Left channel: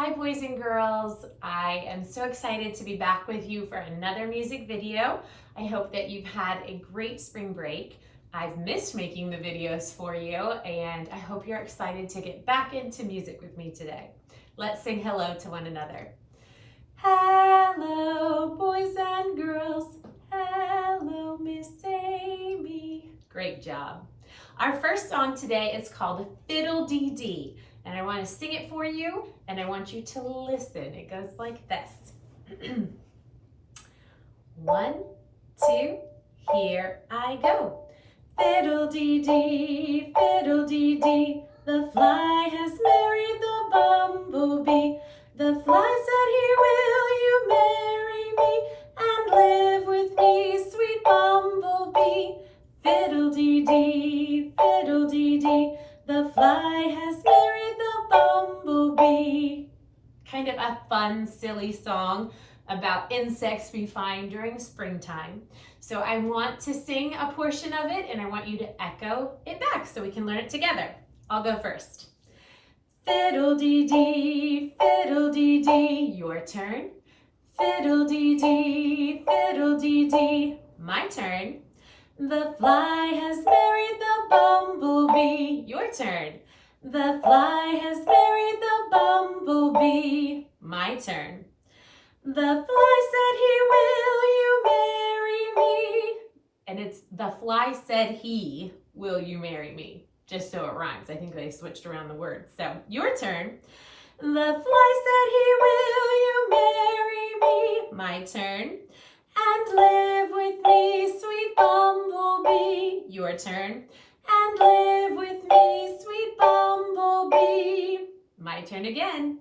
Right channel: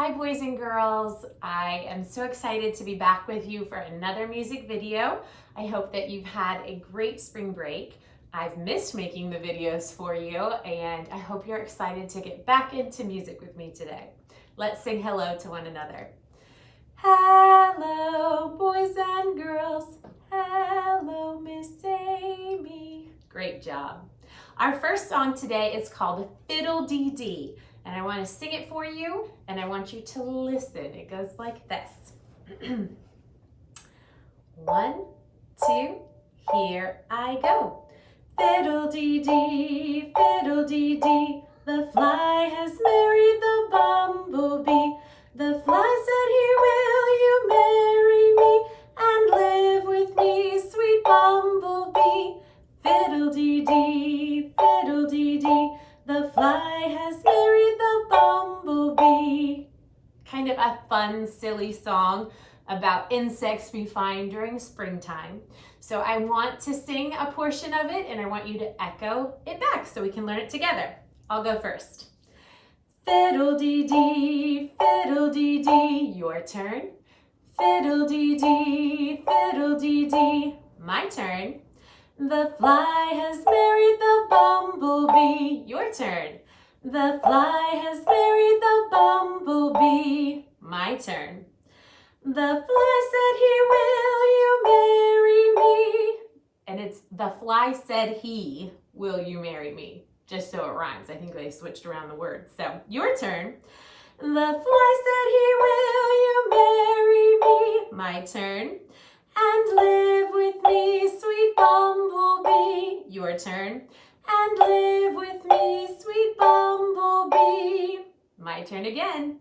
Hi boys and girls, I am so excited to be back with you for another music video. I hope that you've had a great spring break. I've missed making the videos for you and I hope you're excited to get back into music with me today. Let's sing hello to one another. Hello boys and girls, hello Miss Amy. Great job. Our first song today is called Fiddle-Dee-Dee. And I want to sing it for you, and I want you to listen. It goes like this. 1, 2, here I go. Fiddle-dee-dee, fiddle-dee-dee, the fly has married the bumblebee. The fly said, "Will you marry me and live with me, sweet bumblebee?" Fiddle-dee-dee, fiddle-dee-dee, the fly has married the bumblebee. Kind of a fun, silly song about insects we find during springtime. So I want to sing a portion of it and I want you to echo it back so we can learn it together. I'll go first. Fiddle-dee-dee, fiddle-dee-dee, your turn. Fiddle-dee-dee, fiddle-dee-dee, my turn. The fly has married the bumblebee. Your turn. The fly has married the bumblebee. My turn. The fly said, "Will you marry me?" And it's the fly said he, "Will you marry me?" Just so it rhymes. I think they switched around the words. So your turn. The fly said, "Will you marry me?" My turn. And live with me, sweet bumblebee. Your turn. And live with me, sweet bumblebee. My turn again.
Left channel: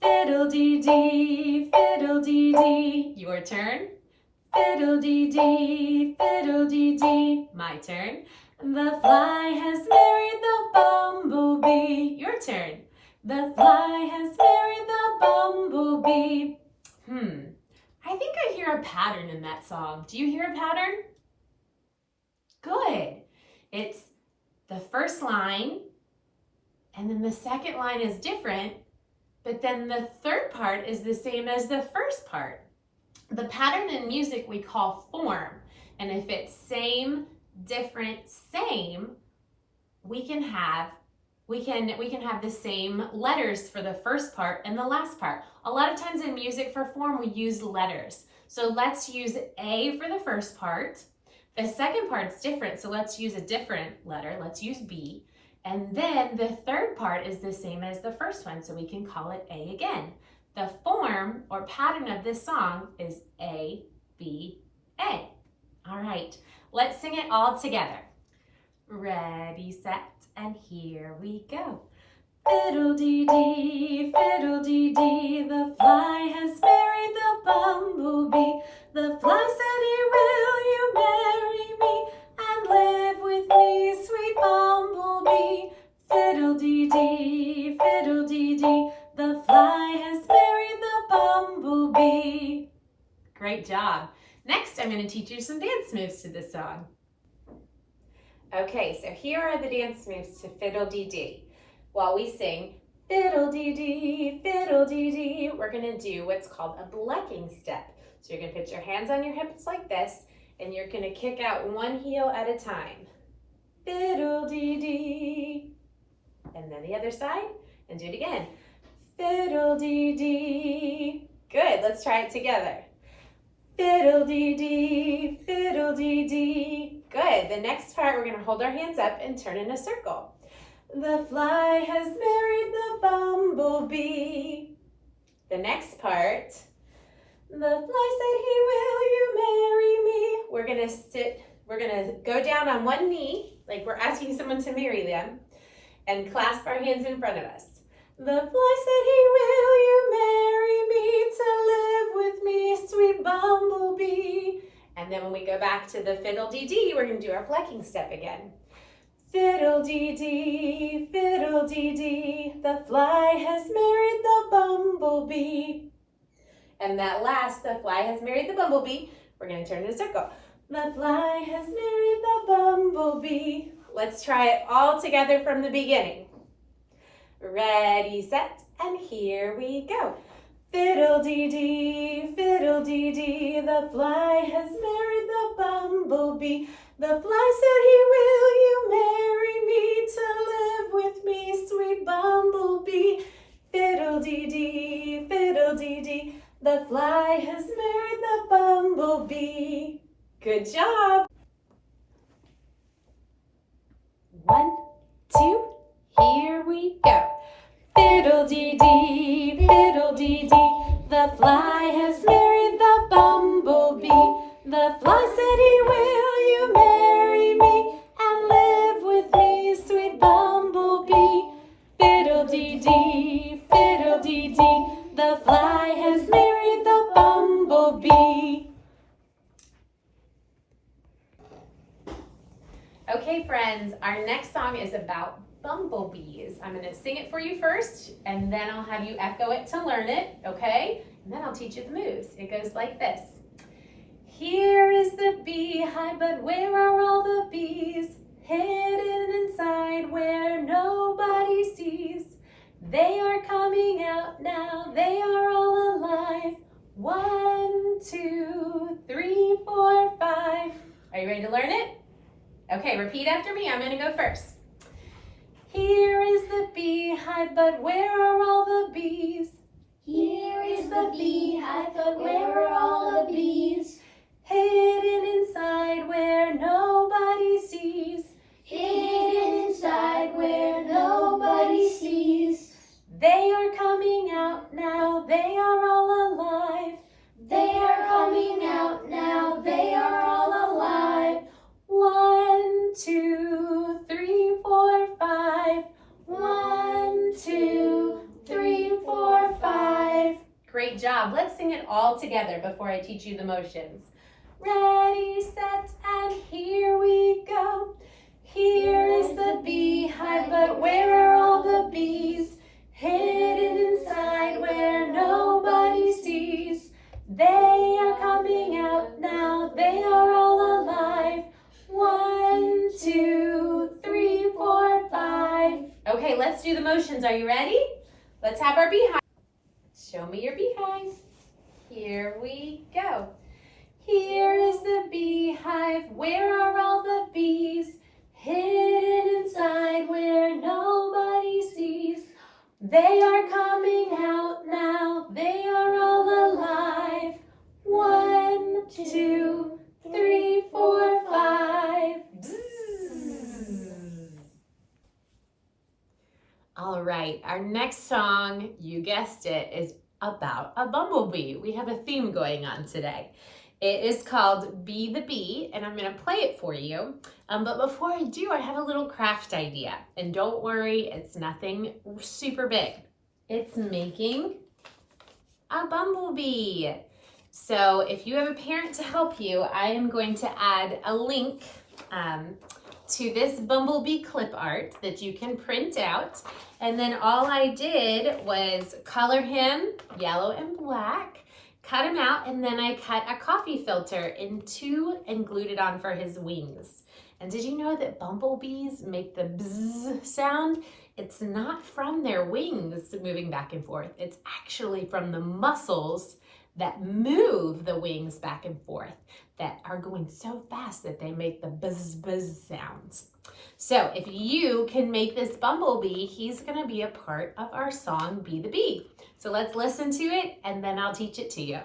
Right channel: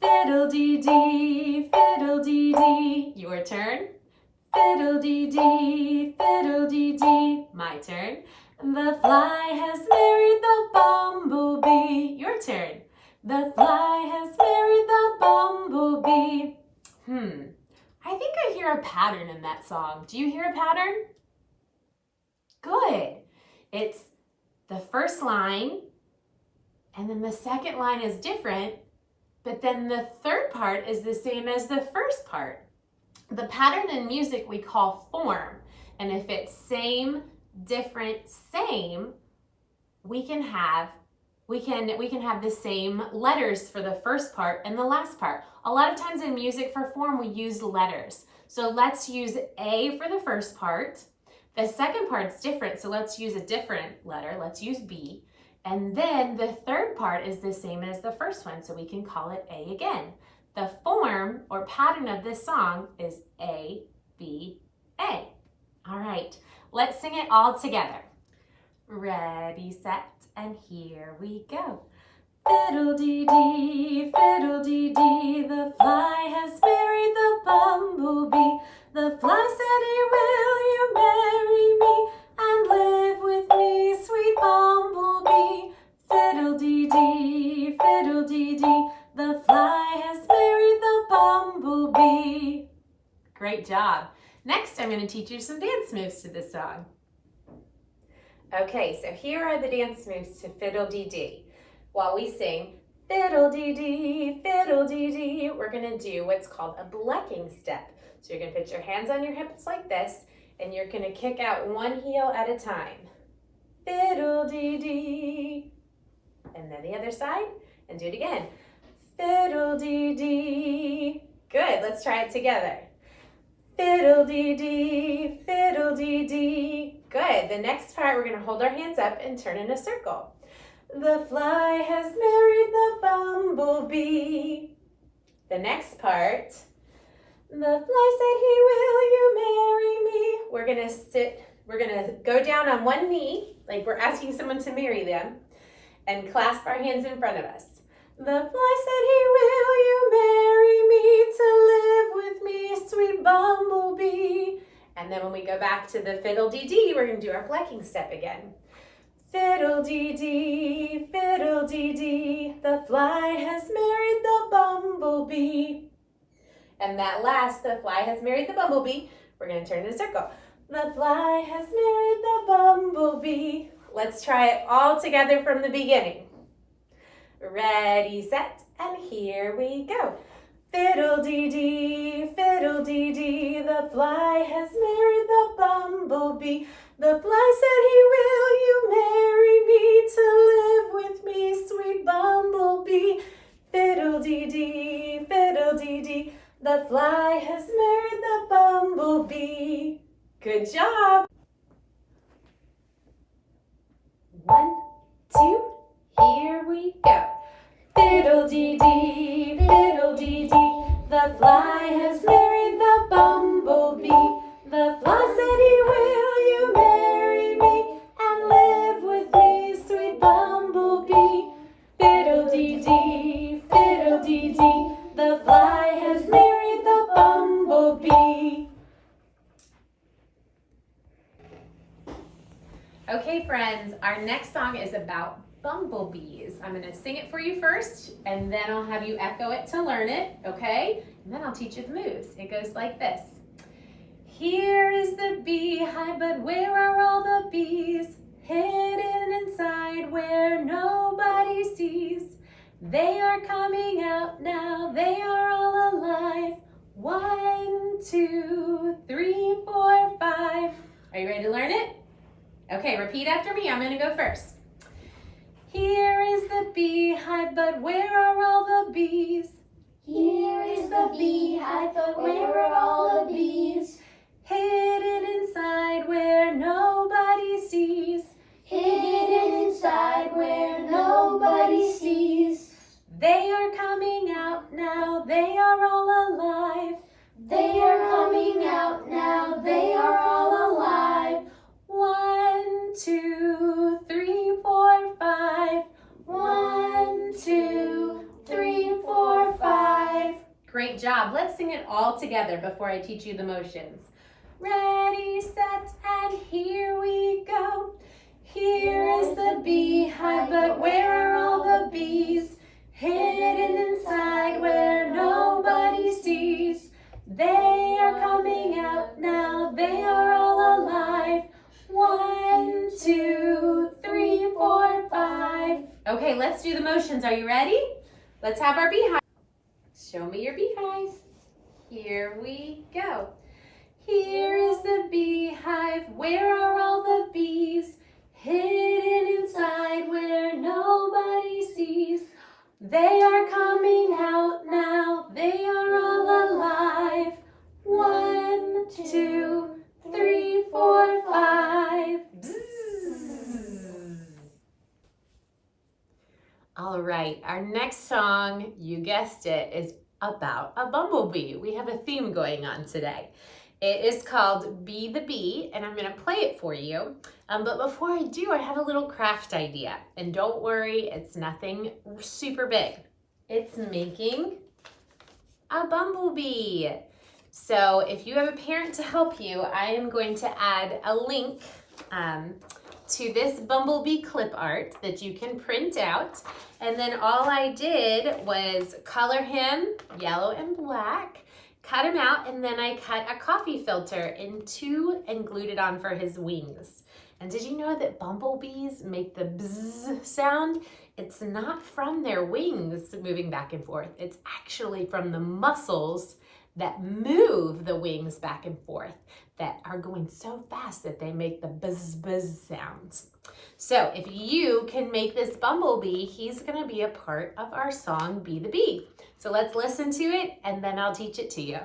Fiddle-dee-dee, fiddle-dee-dee. Your turn. Fiddle-dee-dee, fiddle-dee-dee. My turn. The fly has married the bumblebee. Your turn. The fly has married the bumblebee. I think I hear a pattern in that song. Do you hear a pattern? Good. It's the first line, and then the second line is different, but then the third part is the same as the first part. The pattern in music we call form, and if it's same, different, same, we can have the same letters for the first part and the last part. A lot of times in music for form, we use letters. So let's use A for the first part. The second part's different, so let's use a different letter. Let's use B. And then the third part is the same as the first one, so we can call it A again. The form or pattern of this song is A, B, A. All right, let's sing it all together. Ready, set, and here we go. Fiddle-dee-dee, fiddle-dee-dee, the fly has married the bumblebee. The fly said, "Will you marry me and live with me, sweet bumblebee?" Fiddle-dee-dee, fiddle-dee-dee, the fly has married the bumblebee. Great job. Next, I'm going to teach you some dance moves to this song. Okay, so here are the dance moves to Fiddle-Dee-Dee. While we sing fiddle-dee-dee, fiddle-dee-dee, we're going to do what's called a blecking step. So you're going to put your hands on your hips like this, and you're going to kick out one heel at a time. Fiddle-dee-dee. And then the other side, and do it again. Fiddle-dee-dee. Good, let's try it together. Fiddle-dee-dee, fiddle-dee-dee. Good. The next part, we're going to hold our hands up and turn in a circle. The fly has married the bumblebee. The next part, the fly said, "Will you marry me?" We're going to go down on one knee, like we're asking someone to marry them, and clasp our hands in front of us. The fly said, "Will you marry me to live with me, sweet bumblebee?" And then when we go back to the fiddle-dee-dee, we're going to do our blecking step again. Fiddle-dee-dee, fiddle-dee-dee, the fly has married the bumblebee. And that last, the fly has married the bumblebee, we're going to turn in a circle. The fly has married the bumblebee. Let's try it all together from the beginning. Ready, set, and and here we go. Fiddle-dee-dee, fiddle-dee-dee, the fly has married the bumblebee. The fly said, "He will you marry me to live with me, sweet bumblebee?" Fiddle-dee-dee, fiddle-dee-dee, the fly has married the bumblebee. Good job. 1, 2, here we go. Fiddle-dee-dee, fiddle-dee-dee, the fly has married the bumblebee. The fly said, "He will you marry me and live with me, sweet bumblebee?" Fiddle-dee-dee, fiddle-dee-dee, the fly has married the bumblebee. Okay, friends, our next song is about bumblebees. I'm going to sing it for you first, and then I'll have you echo it to learn it, okay? And then I'll teach you the moves. It goes like this. Here is the beehive, but where are all the bees? Hidden inside where nobody sees. They are coming out now, they are all alive. 1, 2, 3, 4, 5. Are you ready to learn it? Okay, repeat after me. I'm going to go first. Here is the beehive, but where are all the bees? Here is the beehive, but where are all the bees? Hidden inside where nobody sees. Hidden inside where nobody sees. They are coming out now, they are all alive. They are coming out now, they are all alive. 1, 2, 3, 4, 5. 1, 2, 3, 4, 5. Great job. Let's sing it all together before I teach you the motions. Ready, set, and here we go. Here is the beehive, but where are all the bees? Hidden inside where nobody sees. They are coming out now, they are all alive. 1, 2, 3, 4, 5. Okay, let's do the motions. Are you ready? Let's have our beehive. Show me your beehive. Here we go. Here is the beehive. Where are all the bees? Hidden inside where nobody sees. They are coming out now. They are all alive. 1, 2, 3, 4, 5. All right, our next song, you guessed it, is about a bumblebee. We have a theme going on today. It is called Be the Bee, and I'm going to play it for you. But before I do, I have a little craft idea. And don't worry, it's nothing super big. It's making a bumblebee. So if you have a parent to help you, I am going to add a link to this bumblebee clip art that you can print out. And then all I did was color him yellow and black, cut him out, and then I cut a coffee filter in 2 and glued it on for his wings. And did you know that bumblebees make the bzzz sound? It's not from their wings moving back and forth. It's actually from the muscles that move the wings back and forth that are going so fast that they make the buzz buzz sounds. So if you can make this bumblebee, he's going to be a part of our song Be the Bee. So let's listen to it and then I'll teach it to you.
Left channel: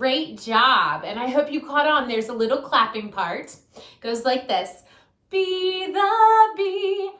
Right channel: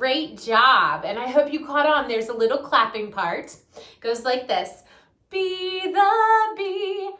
Great job. And I hope you caught on. There's a little clapping part. Goes like this. Be the bee,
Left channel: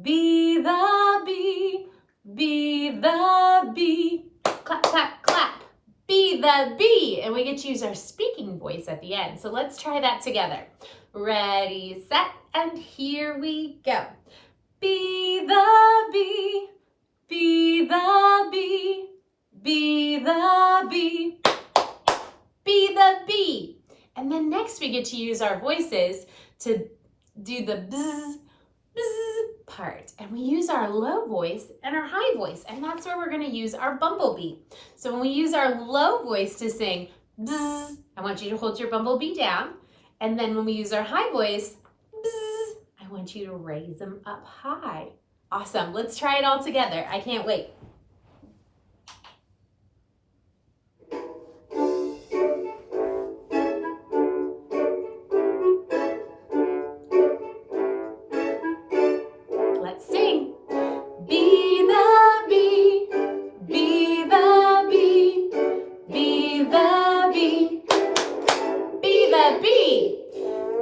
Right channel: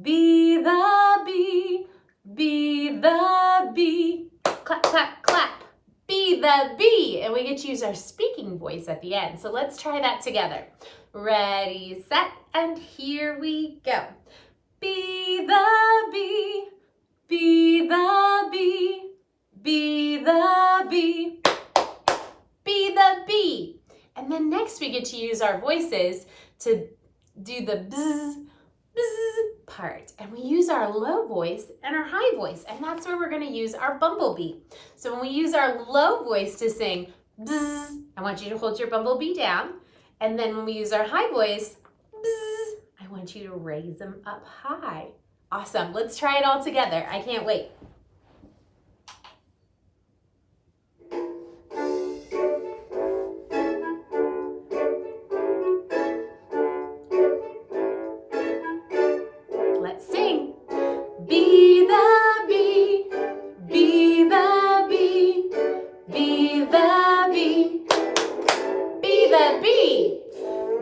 be the bee, be the bee. Clap, clap, clap. Be the bee. And we get to use our speaking voice at the end. So let's try that together. Ready, set, and here we go. Be the bee, be the bee, be the bee, be the bee. And then next we get to use our voices to do the bzz, bzz part. And we use our low voice and our high voice. And that's where we're going to use our bumblebee. So when we use our low voice to sing bzz, I want you to hold your bumblebee down. And then when we use our high voice, bzz, I want you to raise them up high. Awesome. Let's try it all together. I can't wait. Let's sing. Be the bee, be the bee, be the bee, be the bee,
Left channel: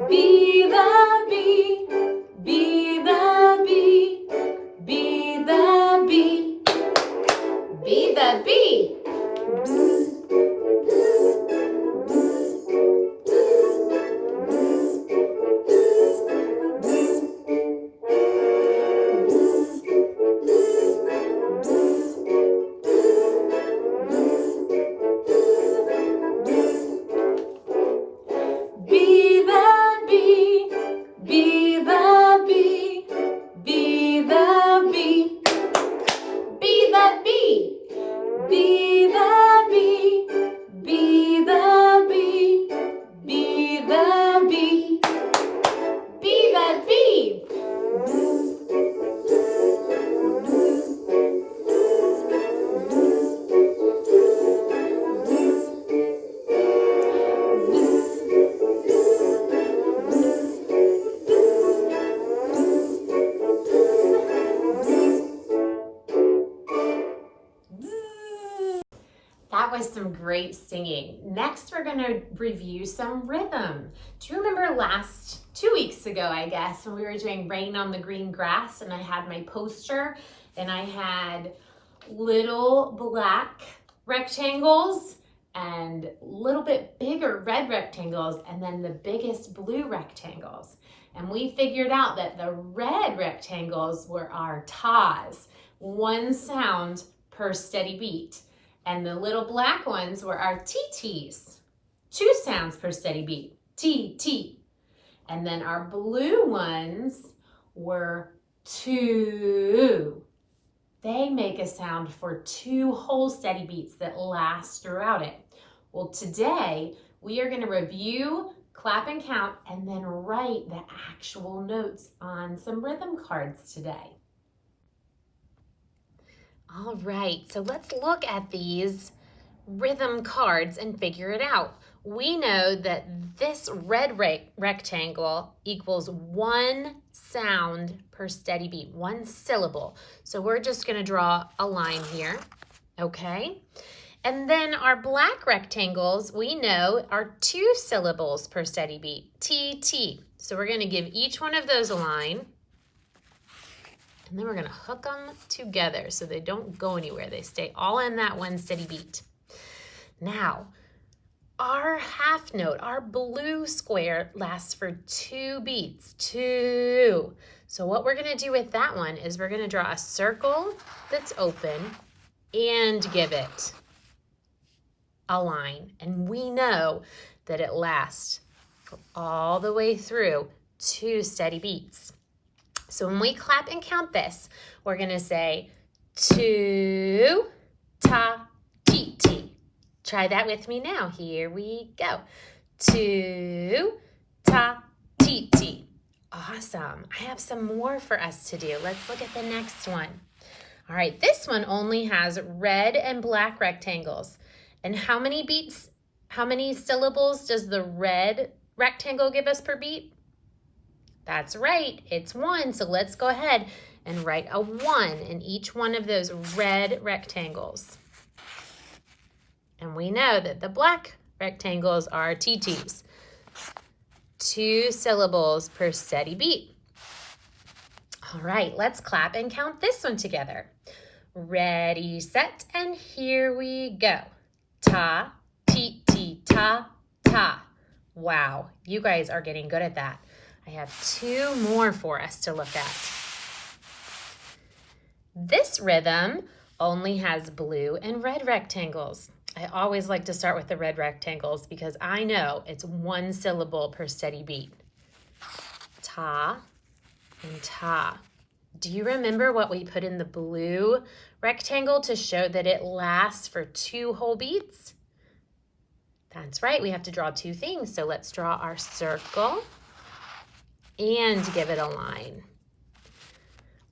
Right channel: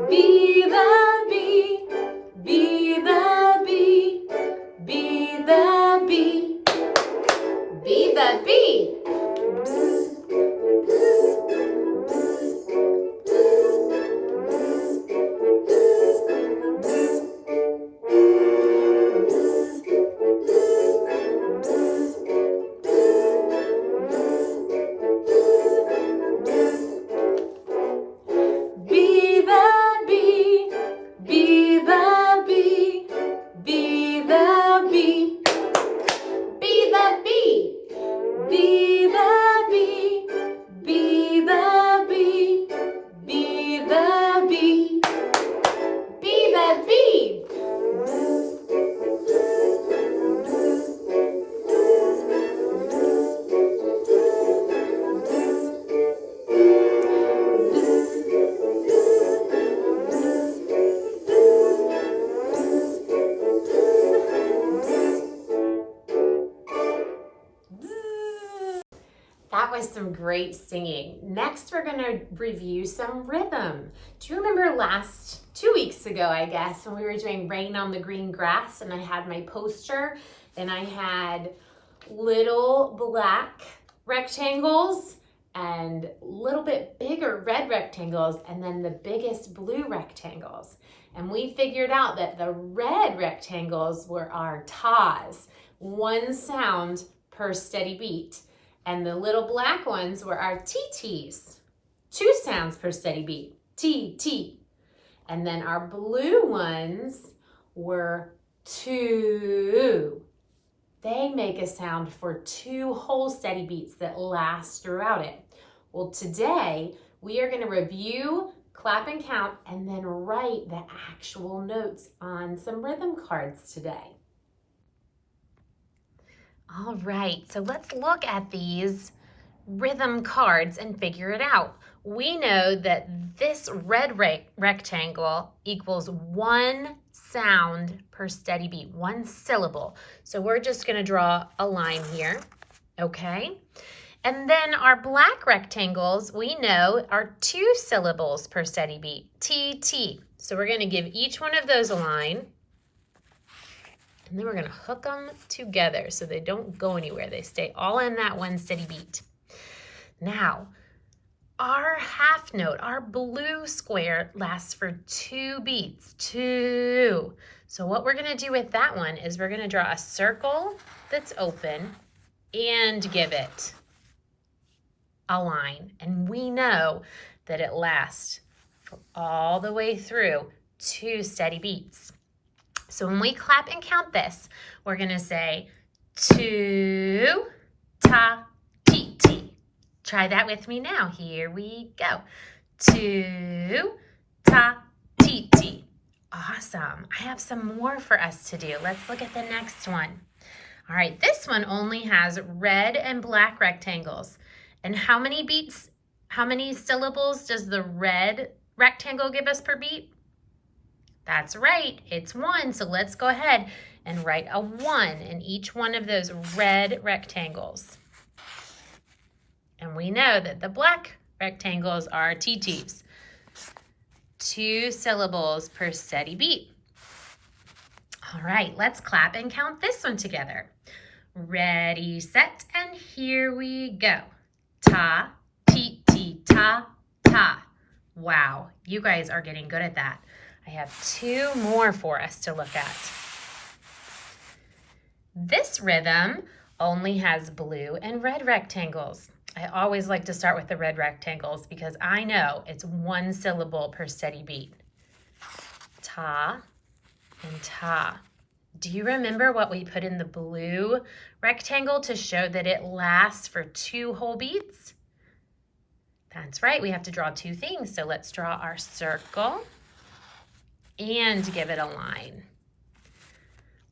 be the bee, be the bee, be the bee, be the bee. Bzz, bzz, bzz, bzz, Be the bee, be the bee, be the bee, be the bee, be the bee, be the bee, be the bee, be the bee. Bzz, That was some great singing. Next, we're going to review some rhythm. Do you remember 2 weeks ago, I guess, when we were doing Rain on the Green Grass and I had my poster and I had little black rectangles and a little bit bigger red rectangles and then the biggest blue rectangles. And we figured out that the red rectangles were our tas, one sound per steady beat. And the little black ones were our TTs, 2 sounds per steady beat, T, T. And then our blue ones were 2. They make a sound for 2 whole steady beats that last throughout it. Well, today we are going to review, clap and count, and then write the actual notes on some rhythm cards today. All right, so let's look at these rhythm cards and figure it out. We know that this red rectangle equals 1 sound per steady beat, 1 syllable. So we're just going to draw a line here, okay? And then our black rectangles, we know, are 2 syllables per steady beat, T, T. So we're going to give each one of those a line. And then we're going to hook them together so they don't go anywhere. They stay all in that 1 steady beat. Now, our half note, our blue square, lasts for 2 beats, 2. So what we're going to do with that one is we're going to draw a circle that's open and give it a line. And we know that it lasts all the way through 2 steady beats. So when we clap and count this, we're going to say 2, ta, ti, ti. Try that with me now. Here we go. 2, ta, ti, ti. Awesome. I have some more for us to do. Let's look at the next one. All right, this one only has red and black rectangles. And how many beats, how many syllables does the red rectangle give us per beat? That's right, it's 1. So let's go ahead and write a 1 in each one of those red rectangles. And we know that the black rectangles are TTs. 2 syllables per steady beat. All right, let's clap and count this one together. Ready, set, and here we go. Ta, ti, ti, ta, ta. Wow, you guys are getting good at that. I have 2 more for us to look at. This rhythm only has blue and red rectangles. I always like to start with the red rectangles because I know it's 1 syllable per steady beat. Ta and ta. Do you remember what we put in the blue rectangle to show that it lasts for 2 whole beats? That's right, we have to draw 2 things. So let's draw our circle and give it a line.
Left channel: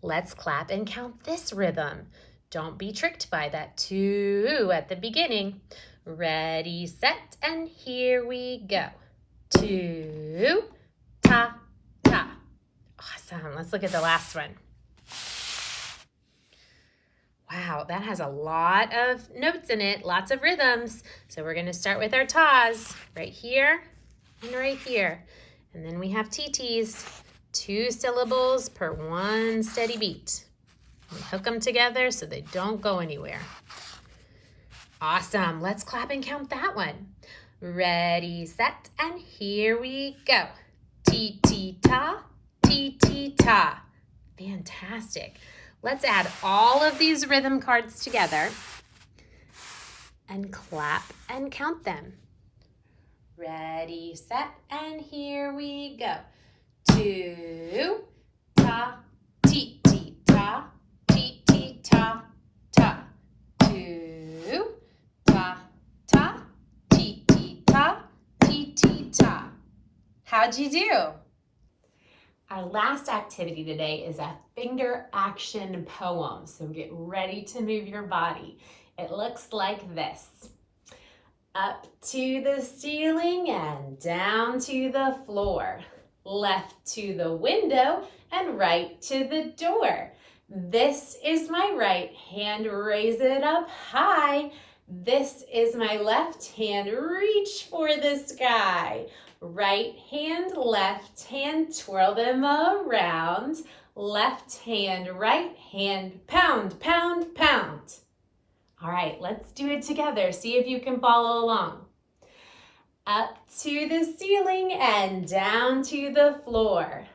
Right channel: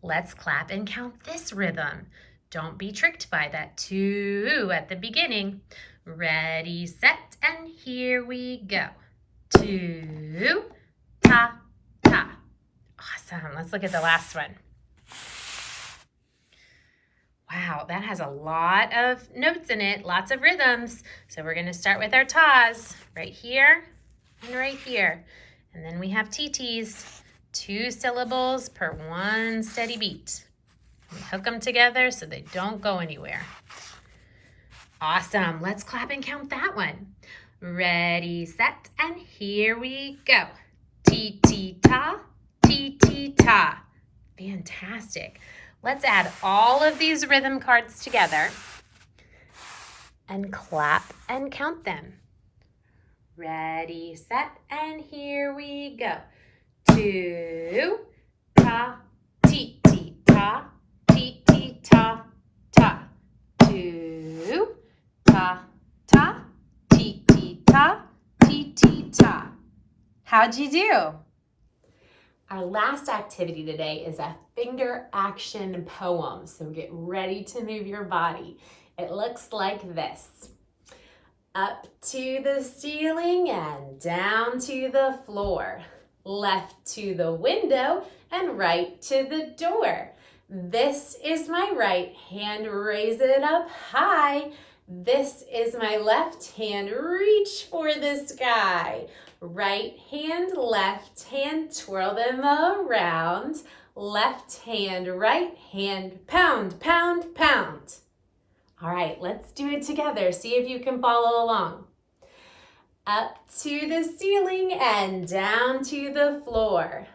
Let's clap and count this rhythm. Don't be tricked by that 2 at the beginning. Ready, set, and here we go. 2, ta, ta. Awesome. Let's look at the last one. Wow, that has a lot of notes in it, lots of rhythms. So we're going to start with our tas right here and right here. And then we have TTs, 2 syllables per 1 steady beat. We hook them together so they don't go anywhere. Awesome. Let's clap and count that one. Ready, set, and here we go. Ti-ti-ta, ti-ti-ta. Fantastic. Let's add all of these rhythm cards together and clap and count them. Ready, set, and here we go. 2, ta, ti, ti, ta, ti, ti, ta, ta. 2, ta, ta, ti, ti, ta, ti, ti, ta. How'd you do? Our last activity today is a finger action poem. So get ready to move your body. It looks like this. Up to the ceiling and down to the floor. Left to the window and right to the door. This is my right hand, raise it up high. This is my left hand, reach for the sky. Right hand, left hand, twirl them around. Left hand, right hand, pound, pound, pound. All right, let's do it together. See if you can follow along. Up to the ceiling and down to the floor.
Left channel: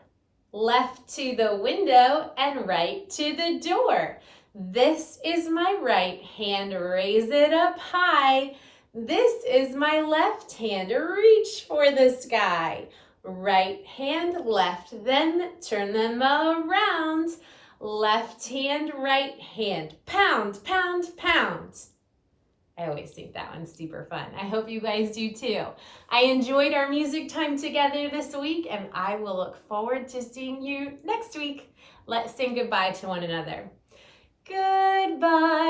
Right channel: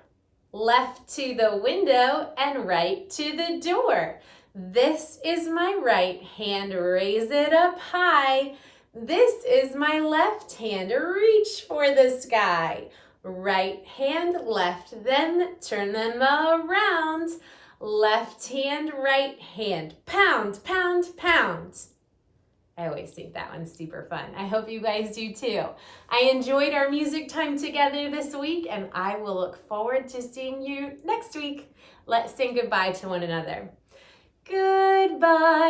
Left to the window and right to the door. This is my right hand, raise it up high. This is my left hand, reach for the sky. Right hand, left, then turn them around. Left hand, right hand, pound, pound, pound. I always think that one's super fun. I hope you guys do too. I enjoyed our music time together this week, and I will look forward to seeing you next week. Let's sing goodbye to one another. Goodbye.